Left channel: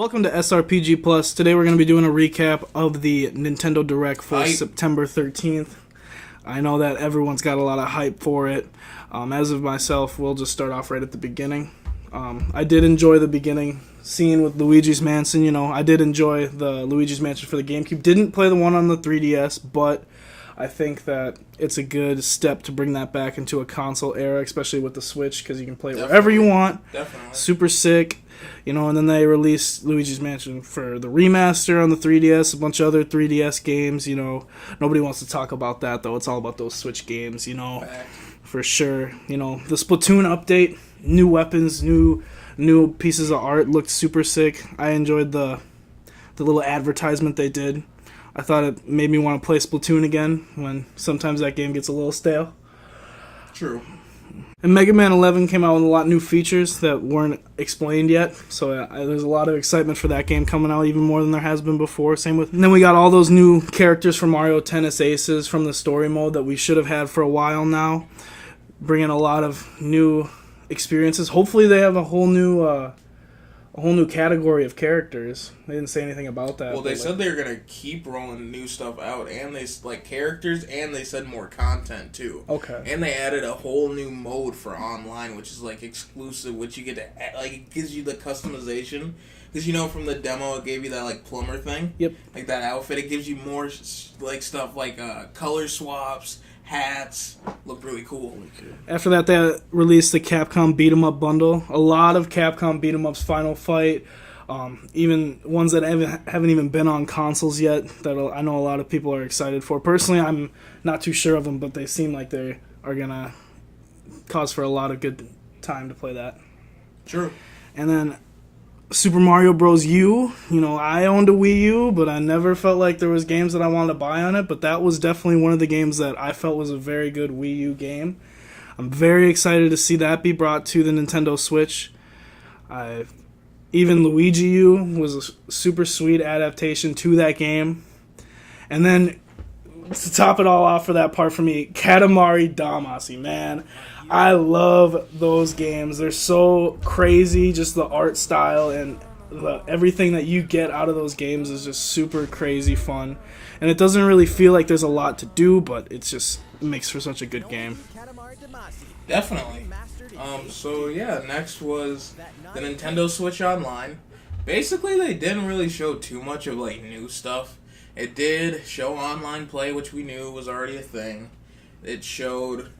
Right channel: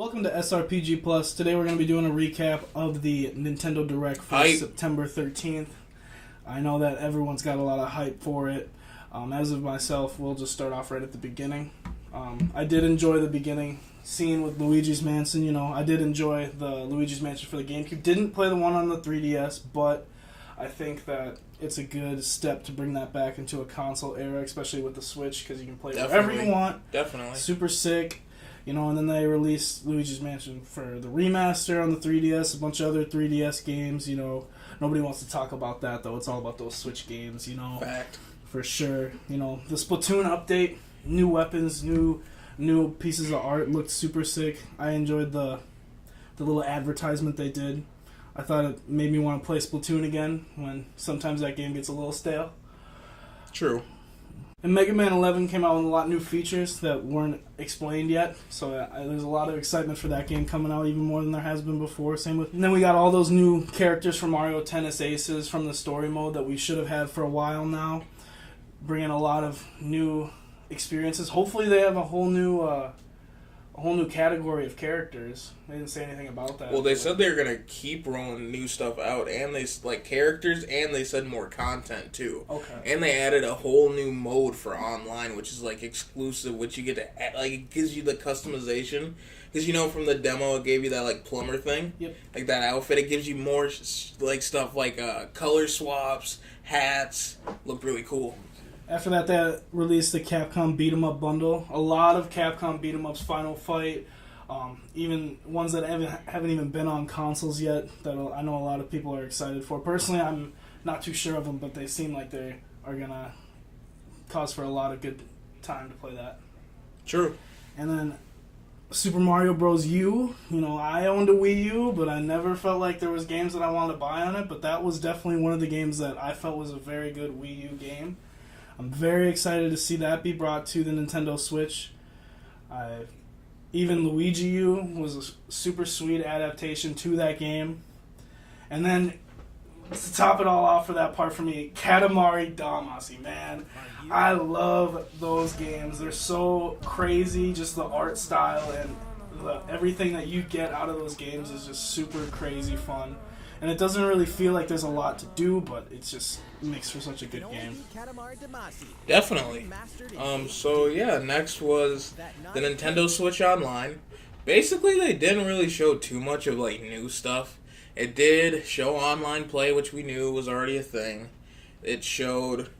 Welcome to SRPG Plus. Today we're going to be doing a recap of the Nintendo Direct for September 13th. I know that everyone's got a lot of hype for it. As of myself, we'll just start off right at the beginning. I did enjoy the beginning scene with Luigi's Mansion. You know, I did enjoy the Luigi's Mansion for the GameCube. Didn't play the one on the 3DS, but I think that it's a good step to bring that back into a console era, especially with the Switch, because you can play wherever you want. Definitely. Super sick. You know, and then they released Luigi's Mansion for the remaster on the 3DS, a bunch of other 3DS games, you know. Nobody wants to talk about that, though. It's all about those Switch games, you know. Fact. For sure. You know, the Splatoon update, new weapons, new pieces of art looked super sick. I enjoyed the little advertisement they did. I thought it made me want to play Splatoon again when sometimes that game gets a little stale. True. And Mega Man 11 came out with a lot of new features that weren't explained yet, so there's a lot of excitement for that game coming out, even more than there has been before. And then we got all those new characters from Mario Tennis Aces from the story mode that we should have had for a while now, bringing a lot of new experiences. Hopefully they have a whole new category of characters. They didn't say anything about that. Well, they said they were going to keep rolling new stuff out, and they characters, and they said more content too. Okay. And they added a whole new mode for online, which is exclusive, which you get to add, it gives you the customization. Because you know from the demo it gave you that plumber thing. Yep. Like that outfit, it gives you more stuff color swaps, hats. Look really cool. After that, they released the Capcom Beat 'em Up bundle. A lot of Capcom Beat 'em Ups Final Fight, even ones that haven't even been on consoles yet, that I know a lot of people are excited for. Personally, I'm not too sure of them, but they seem like they are going to cause for a lot of good time to play that. True. And then Super Mario Bros. U. You know, I owned a Wii U, but I never felt like there was games that I wanted to buy on it, but that was definitely one of the games that I felt was a very good Wii U game. I'm very excited to see that be brought to the Nintendo Switch. Even Luigi U was a super sweet adaptation to that game. And then, to top it all off for that part for me, Katamari Damacy, man. I love those games. They're so crazy, just the art style and everything that you get out of those games is just super crazy fun. And it doesn't really feel like there's a lot to do, but it makes for such a good game. Definitely. So yeah, next was the Nintendo Switch Online. Basically, they didn't really show too much of new stuff. It did show online play, which we knew was already a thing. It showed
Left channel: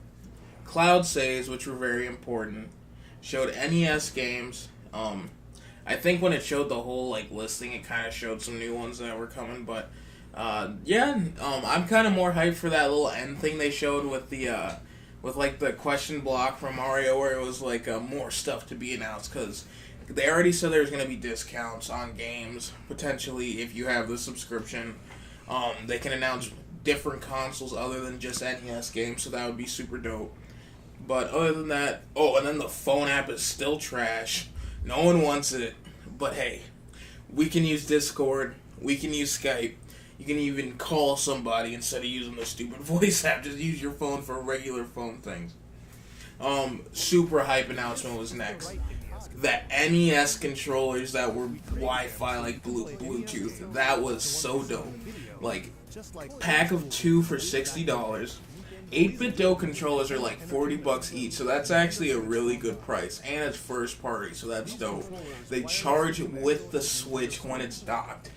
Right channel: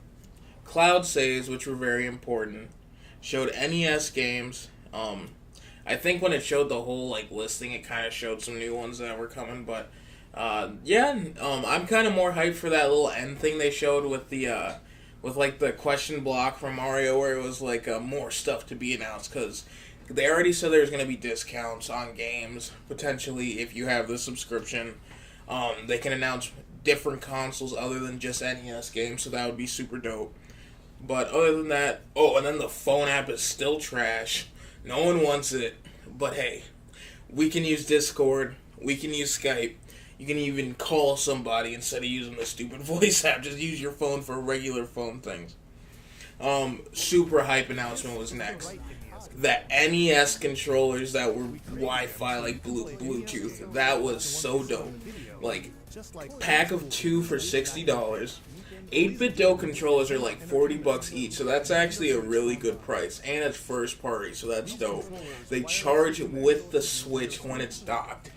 cloud saves, which were very important. Showed NES games. I think when it showed the whole listing, it kind of showed some new ones that were coming, but I'm kind of more hyped for that little end thing they showed with the the question block from Mario, where it was more stuff to be announced, because they already said there's going to be discounts on games potentially if you have the subscription. They can announce different consoles other than just NES games, so that would be super dope. But other than that, and then the phone app is still trash. No one wants it, but hey, we can use Discord, we can use Skype. You can even call somebody instead of using the stupid voice app. Just use your phone for regular phone things. Super hype announcement was next. The NES controllers that were Wi-Fi, Bluetooth. That was so dope. Pack of 2 for $60. 8-bit Do controllers are $40 each, so that's actually a really good price. And it's first party, so that's dope. They charge with the Switch when it's docked.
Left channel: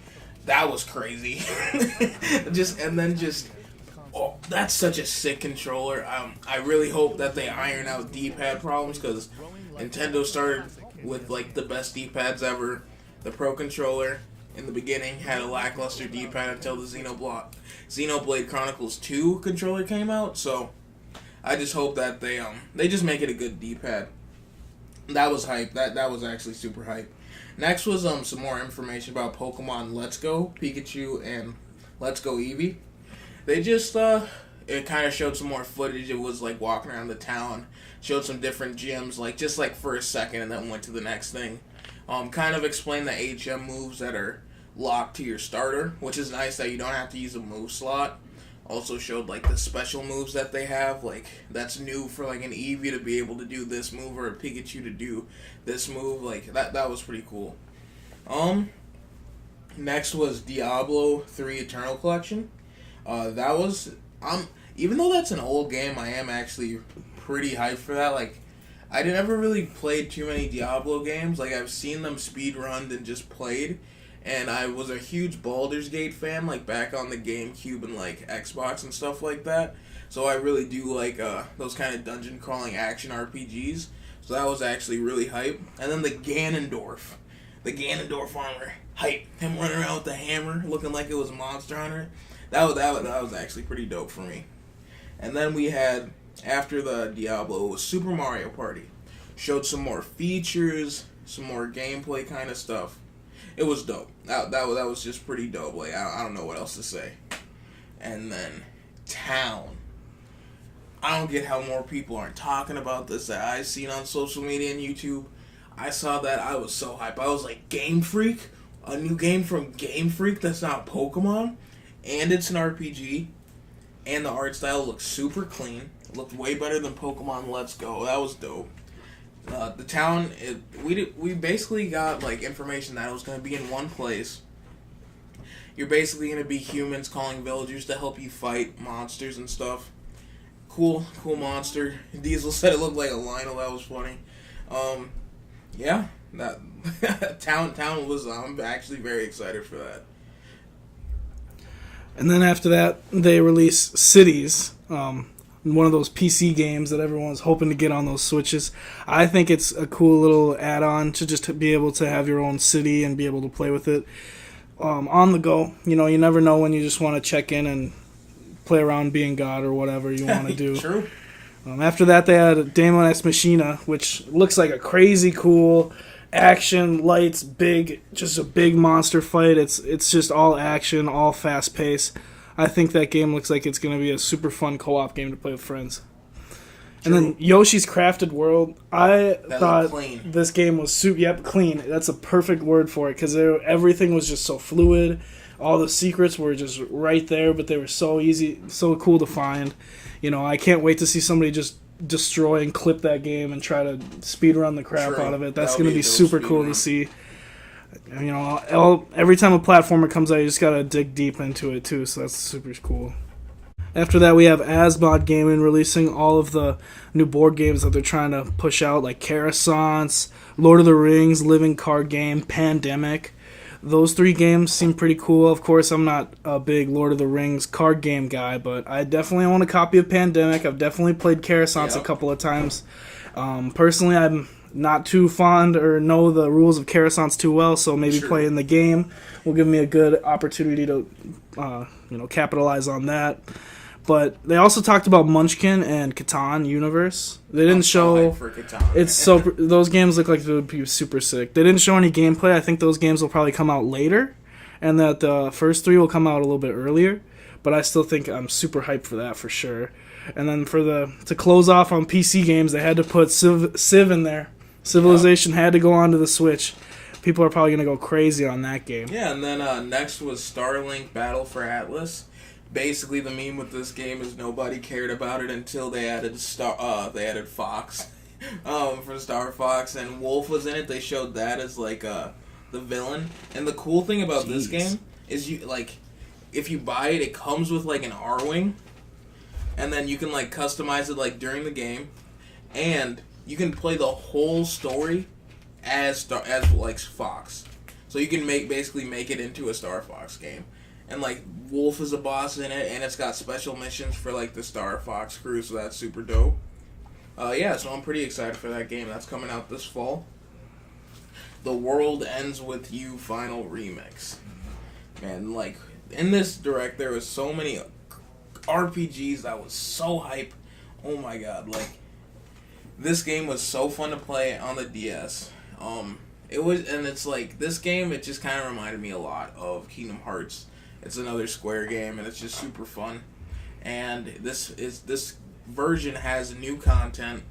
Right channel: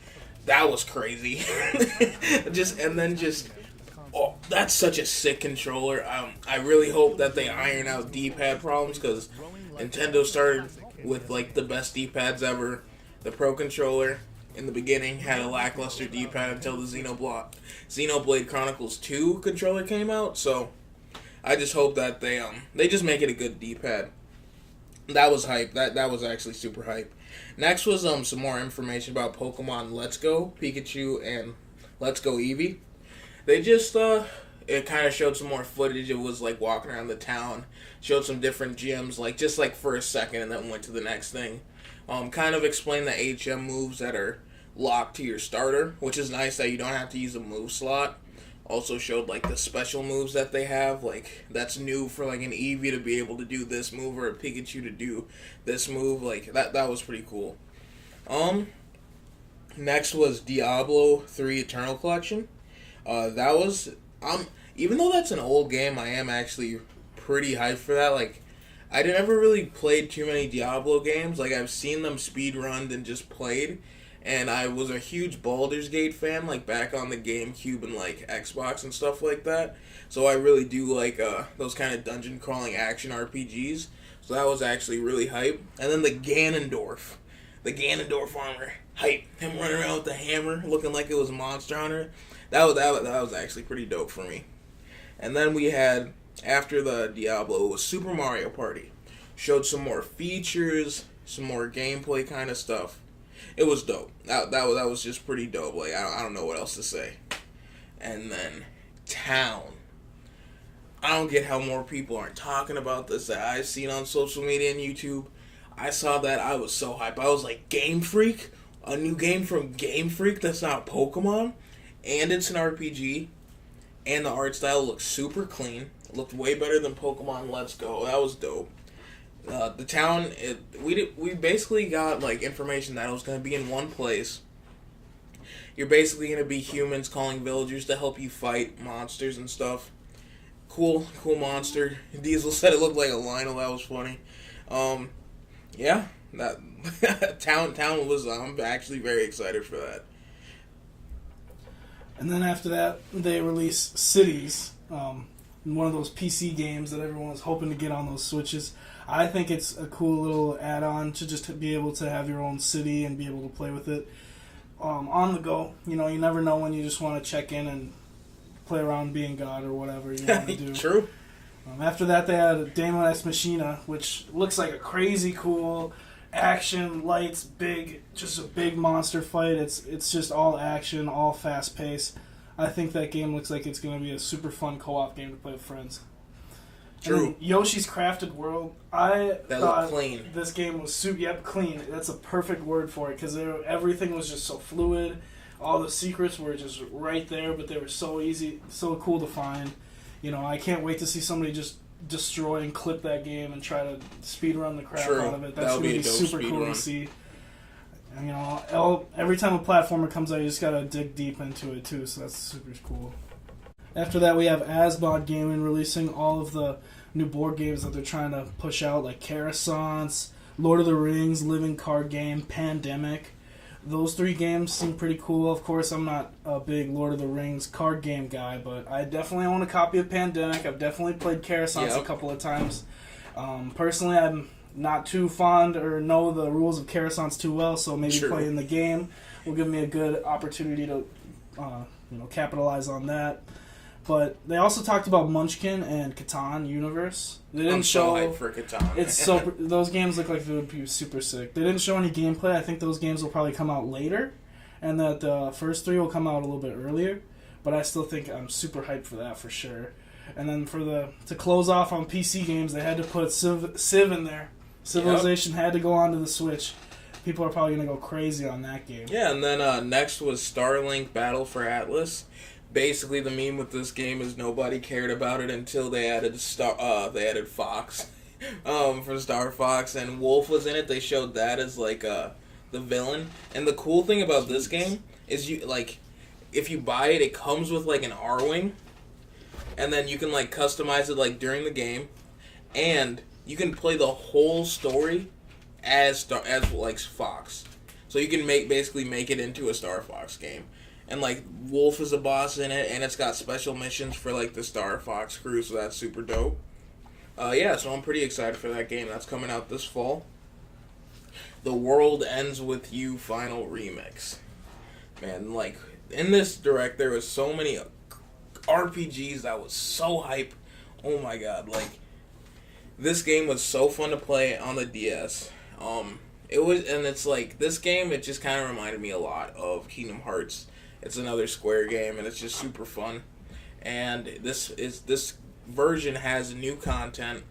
That was crazy. That's such a sick controller. I really hope that they iron out D-pad problems, because Nintendo started with the best D-pads ever. The Pro Controller in the beginning had a lackluster D-pad until the Xenoblade Chronicles 2 controller came out. So I just hope that they just make it a good D-pad. That was hype. That was actually super hype. Next was some more information about Pokemon Let's Go Pikachu and Let's Go Eevee. They just it kind of showed some more footage. It was walking around the town, showed some different gyms, just for a second, and then went to the next thing. Kind of explained the HM moves that are locked to your starter, which is nice that you don't have to use a move slot. Also showed the special moves that they have, that's new for an Eevee to be able to do this move, or a Pikachu to do this move. That was pretty cool. Next was Diablo 3 Eternal Collection. That was even though that's an old game, I am actually pretty hyped for that. Like, I never really played too many Diablo games. Like, I've seen them speedrunned and just played. And I was a huge Baldur's Gate fan, like, back on the GameCube and, like, Xbox and stuff like that. So I really do like those kind of dungeon crawling action RPGs. So that was actually really hype. And then the Ganondorf armor, hype. Him running around with the hammer, looking like it was Monster Hunter. That was actually pretty dope for me. And then we had, after the Diablo, was Super Mario Party. Showed some more features, some more gameplay kind of stuff. It was dope. That was just pretty dope. Like, I don't know what else to say. And then Town. I don't get how more people aren't talking about this that I've seen on social media and YouTube. I saw that, I was so hyped. I was like, Game Freak? A new game from Game Freak that's not Pokemon? And it's an RPG. And the art style looks super clean. It looked way better than Pokemon Let's Go. That was dope. The town, we basically got like information that it was going to be in one place. You're basically going to be humans calling villagers to help you fight monsters and stuff. Cool monster. Diesel said it looked like a Lionel. That was funny. Yeah, that town was. I'm actually very excited for that. And then after that, they released Cities, one of those PC games that everyone's hoping to get on those Switches. I think it's a cool little add-on to just be able to have your own city and be able to play with it on the go. You know, you never know when you just want to check in and play around being God or whatever you want to do. True. After that, they had Daemon X Machina, which looks like a crazy cool action, lights, just a big monster fight. It's just all action, all fast paced. I think that game looks like it's going to be a super fun co-op game to play with friends. True. And then Yoshi's Crafted World, I thought this game was clean. That's a perfect word for it, because everything was just so fluid. All the secrets were just right there, but they were so easy, so cool to find. You know, I can't wait to see somebody just destroy and clip that game and try to speedrun the crap out of it. That's going to be super cool to see. You know, every time a platformer comes out, you just got to dig deep into it too, so that's super cool. After that, we have Asmod Gaming releasing all of the new board games that they're trying to push out, like Coruscant, Lord of the Rings, Living Card Game, Pandemic. Those three games seem pretty cool. Of course, I'm not a big Lord of the Rings card game guy, but I definitely own a copy of Pandemic. I've definitely played Coruscant a couple of times. Personally, I'm not too fond or know the rules of Coruscant too well, so maybe playing the game will give me a good opportunity to capitalize on that. But they also talked about Munchkin and Catan Universe. They didn't show. For Catan. It's so those games look like they would be super sick. They didn't show any gameplay. I think those games will probably come out later, and that the first three will come out a little bit earlier. But I still think I'm super hyped for that for sure. And then to close off on PC games, they had to put Civ in there. Civilization had to go onto the Switch. People are probably gonna go crazy on that game. Yeah, and then next was Starlink Battle for Atlas. Basically, the meme with this game is nobody cared about it until they added Fox for Star Fox, and Wolf was in it. They showed that as like the villain. And the cool thing about this game is if you buy it, it comes with like an R-wing, and then you can like customize it like during the game, and you can play the whole story as Fox. So you can basically make it into a Star Fox game. And, like, Wolf is a boss in it, and it's got special missions for, like, the Star Fox crew, so that's super dope. So I'm pretty excited for that game. That's coming out this fall. The World Ends With You Final Remix. Man, like, in this direct, there was so many RPGs that was so hype. Oh, my God. Like, this game was so fun to play on the DS. It's like, this game, it just kind of reminded me a lot of Kingdom Hearts. It's another Square game, and it's just super fun. And this version has new content.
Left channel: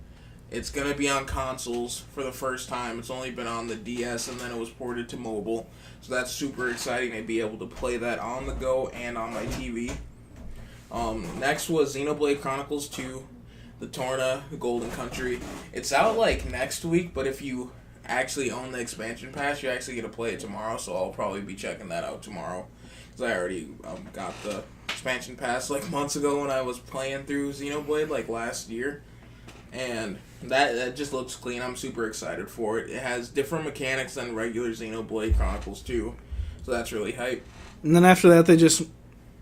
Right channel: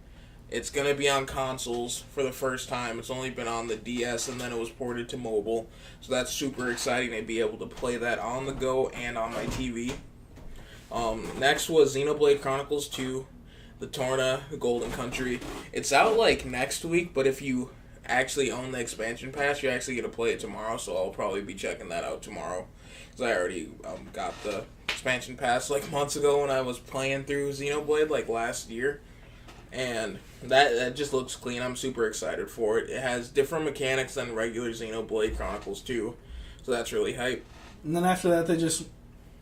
It's going to be on consoles for the first time. It's only been on the DS, and then it was ported to mobile. So that's super exciting to be able to play that on the go and on my TV. Next was Xenoblade Chronicles 2, the Torna, the Golden Country. It's out like next week, but if you actually own the expansion pass, you actually get to play it tomorrow, so I'll probably be checking that out tomorrow. Because I already got the expansion pass like months ago when I was playing through Xenoblade like last year. And that just looks clean. I'm super excited for it. It has different mechanics than regular Xenoblade Chronicles 2. So that's really hype. And then after that, they just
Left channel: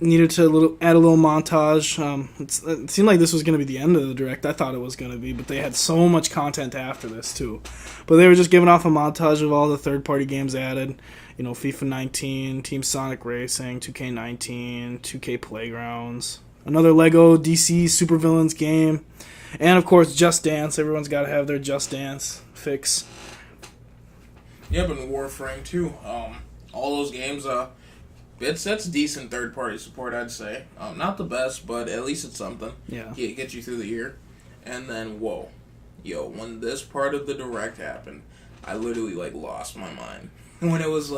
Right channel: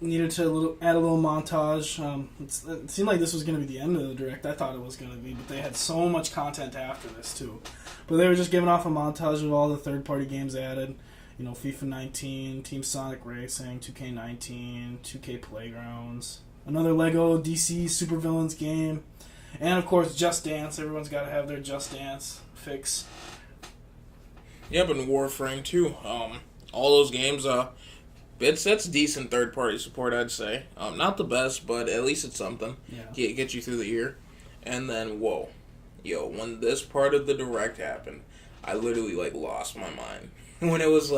needed to add a little montage. It seemed like this was going to be the end of the Direct. I thought it was going to be, but they had so much content after this, too. But they were just giving off a montage of all the third-party games added. FIFA 19, Team Sonic Racing, 2K19, 2K Playgrounds, another Lego DC Supervillains game, and, of course, Just Dance. Everyone's got to have their Just Dance fix. Yep, and Warframe, too. All those games, that's decent third-party support, I'd say. Not the best, but at least it's something. Yeah. Get you through the year. And then, when this part of the Direct happened, I literally, lost my mind. When it was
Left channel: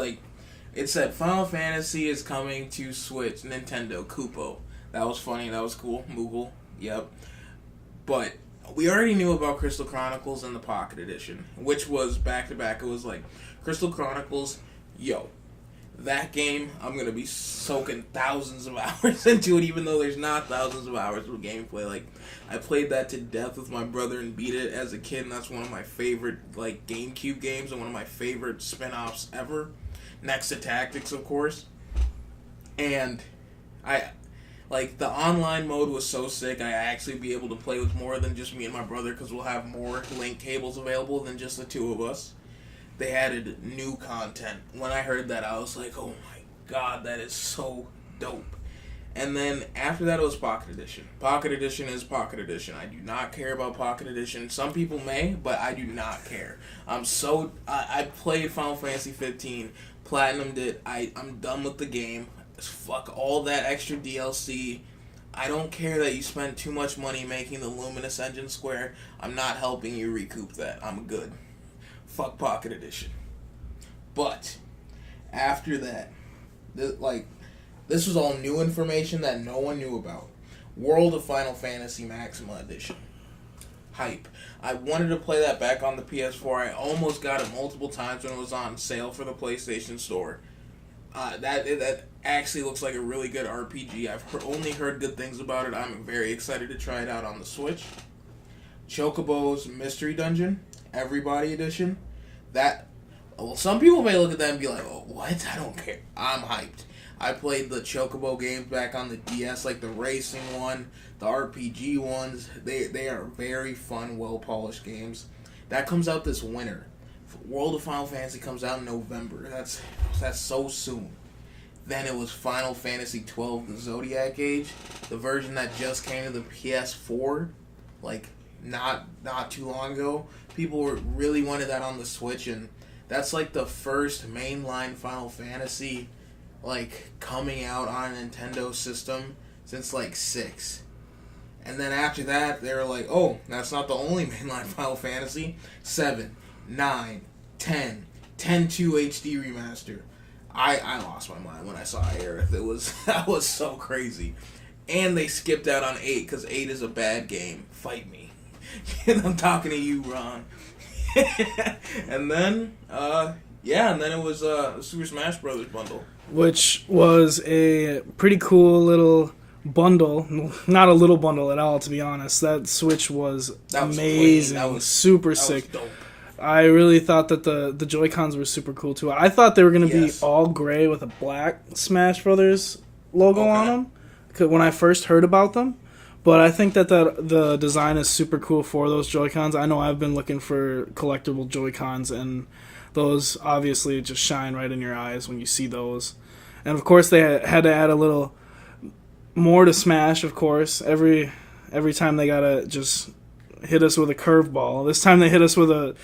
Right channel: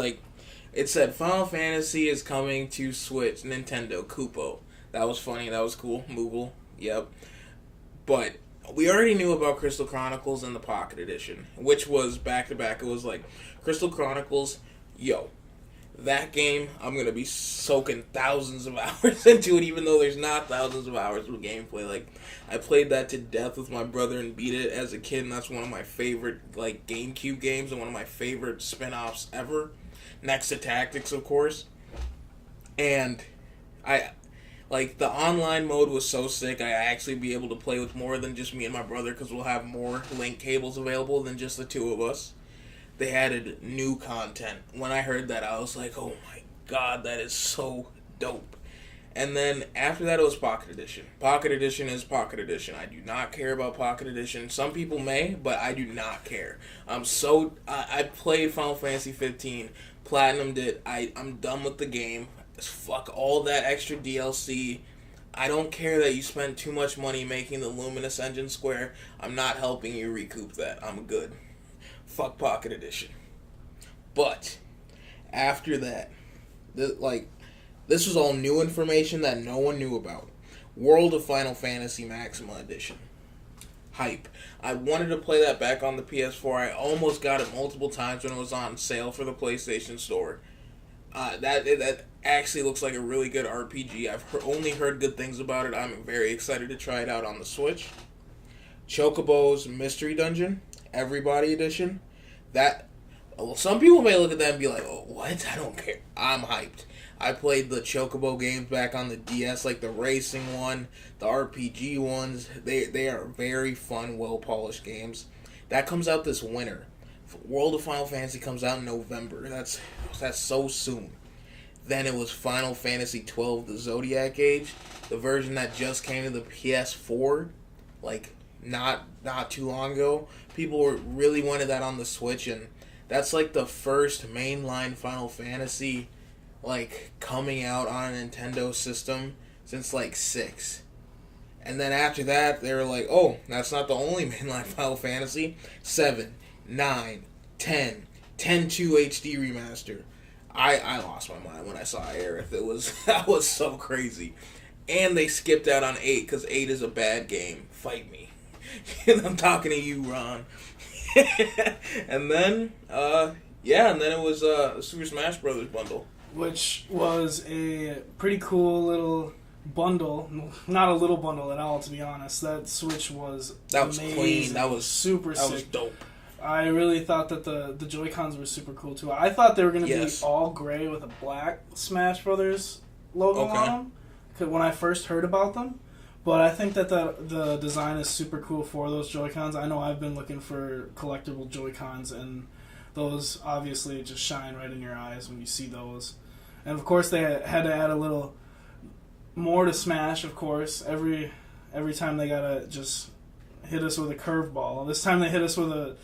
it said Final Fantasy is coming to Switch, Nintendo, Kupo. That was funny, that was cool. Moogle, yep. But we already knew about Crystal Chronicles and the Pocket Edition, which was back-to-back. It was Crystal Chronicles, that game, I'm going to be soaking thousands of hours into it, even though there's not thousands of hours of gameplay. I played that to death with my brother and beat it as a kid, and that's one of my favorite, GameCube games and one of my favorite spin-offs ever. Next to Tactics, of course. And the online mode was so sick, I actually be able to play with more than just me and my brother, because we'll have more link cables available than just the two of us. They added new content. When I heard that, I was like, oh my god, that is so dope. And then after that, it was Pocket Edition. Pocket Edition is Pocket Edition. I do not care about Pocket Edition. Some people may, but I do not care. I played Final Fantasy 15, platinumed it. I'm done with the game. Fuck all that extra DLC. I don't care that you spent too much money making the Luminous Engine Square. I'm not helping you recoup that. I'm good. Fuck Pocket Edition. But after that, this was all new information that no one knew about. World of Final Fantasy Maxima Edition. Hype. I wanted to play that back on the PS4. I almost got it multiple times when it was on sale for the PlayStation Store. That actually looks like a really good RPG. I've only heard good things about it. I'm very excited to try it out on the Switch. Chocobo's Mystery Dungeon, Everybody Edition. Some people may look at that and be like, oh, what? I don't care. I'm hyped. I played the Chocobo games back on the DS, the racing one, the RPG ones. They are very fun, well-polished games. That comes out this winter. World of Final Fantasy comes out in November. That's so soon. Then it was Final Fantasy 12, the Zodiac Age, the version that just came to the PS4, not too long ago. People really wanted that on the Switch, and that's the first mainline Final Fantasy coming out on a Nintendo system since 6. And then after that, they were like, oh, that's not the only mainline Final Fantasy. 7, 9, 10, 10-2 HD remaster. I lost my mind when I saw Aerith. That was so crazy. And they skipped out on 8 because 8 is a bad game. Fight me. I'm talking to you, Ron. And then, and then it was Super Smash Brothers bundle. Which was a pretty cool little bundle. Not a little bundle at all, to be honest. That Switch was amazing. That was super sick. Was dope. I really thought that the Joy-Cons were super cool, too. I thought they were going to be all gray with a black Smash Brothers logo on them when I first heard about them. But I think that the design is super cool for those Joy-Cons. I know I've been looking for collectible Joy-Cons, and those obviously just shine right in your eyes when you see those. And, of course, they had to add a little more to Smash, of course. Every time they got to just hit us with a curveball. This time they hit us with a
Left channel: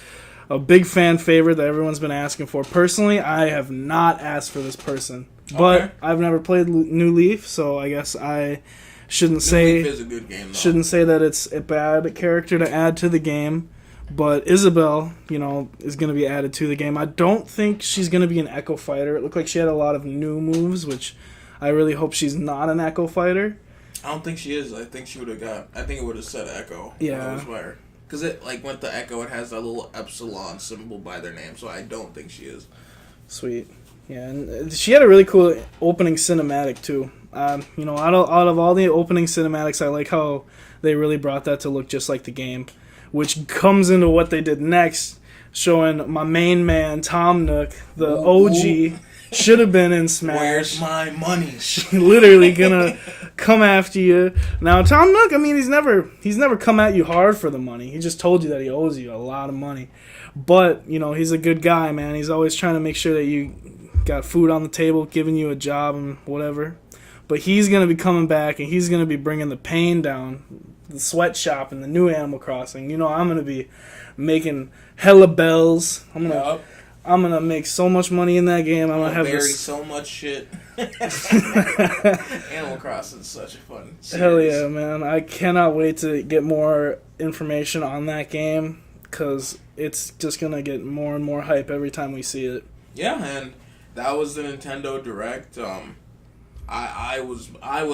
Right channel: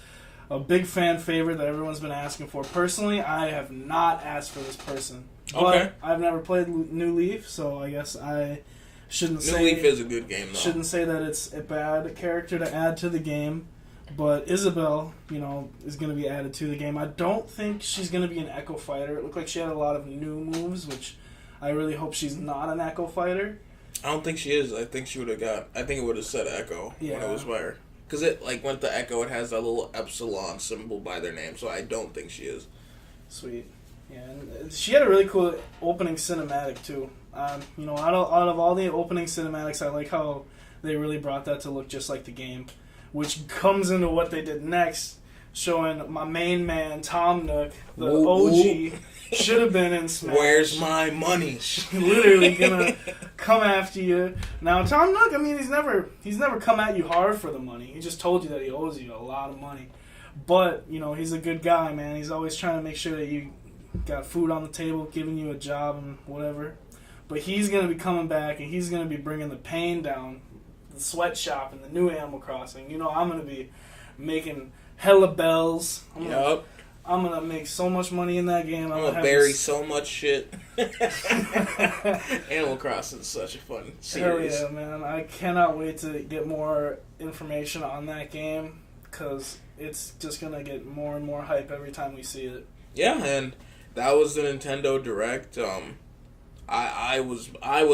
big fan favorite that everyone's been asking for. Personally, I have not asked for this person. But I've never played New Leaf, so I guess I shouldn't say... New Leaf is a good game, though. Shouldn't say that it's a bad character to add to the game. But Isabelle, is going to be added to the game. I don't think she's going to be an Echo Fighter. It looked like she had a lot of new moves, which I really hope she's not an Echo Fighter. I don't think she is. I think it would have said Echo when it was by her. because it like went to Echo. It has that little epsilon symbol by their name, so I don't think she is. Sweet. Yeah, and she had a really cool opening cinematic too. You know, out of all the opening cinematics, I like how they really brought that to look just like the game, which comes into what they did next, showing my main man Tom Nook, the OG, should have been in Smash. Where's my money? Literally gonna come after you. Now Tom Nook, I mean, he's never come at you hard for the money. He just told you that he owes you a lot of money. But, you know, he's a good guy, man. He's always trying to make sure that you got food on the table, giving you a job and whatever. But he's going to be coming back, and he's going to be bringing the pain down, the sweatshop and the new Animal Crossing. You know, I'm going to be making hella bells. I'm going to make so much money in that game. I'm going to bury so much shit. Animal Crossing is such a fun series. Hell yeah, man. I cannot wait to get more information on that game, because it's just going to get more and more hype every time we see it. Yeah, and that was the Nintendo Direct. I was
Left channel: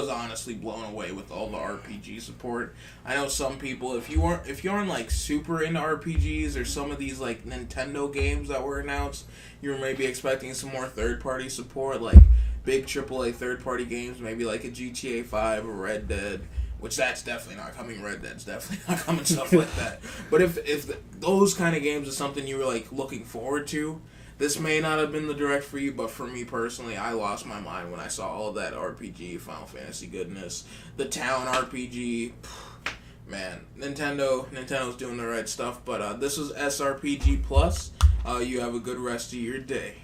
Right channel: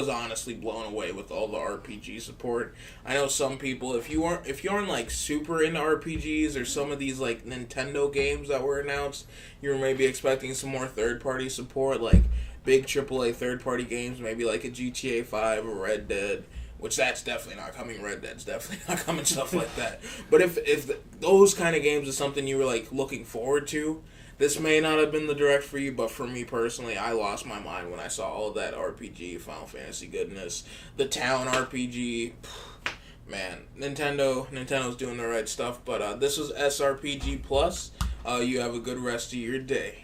honestly blown away with all the RPG support. I know some people, if you aren't like super into RPGs or some of these like Nintendo games that were announced, you were maybe expecting some more third-party support, like big AAA third-party games, maybe like a GTA 5 or Red Dead. Which that's definitely not coming. Red Dead's definitely not coming. Stuff like that. But if those kind of games is something you were like looking forward to, this may not have been the Direct for you. But for me personally, I lost my mind when I saw all of that RPG, Final Fantasy goodness, the Town RPG. Man, Nintendo's doing the right stuff. But this is SRPG Plus. You have a good rest of your day.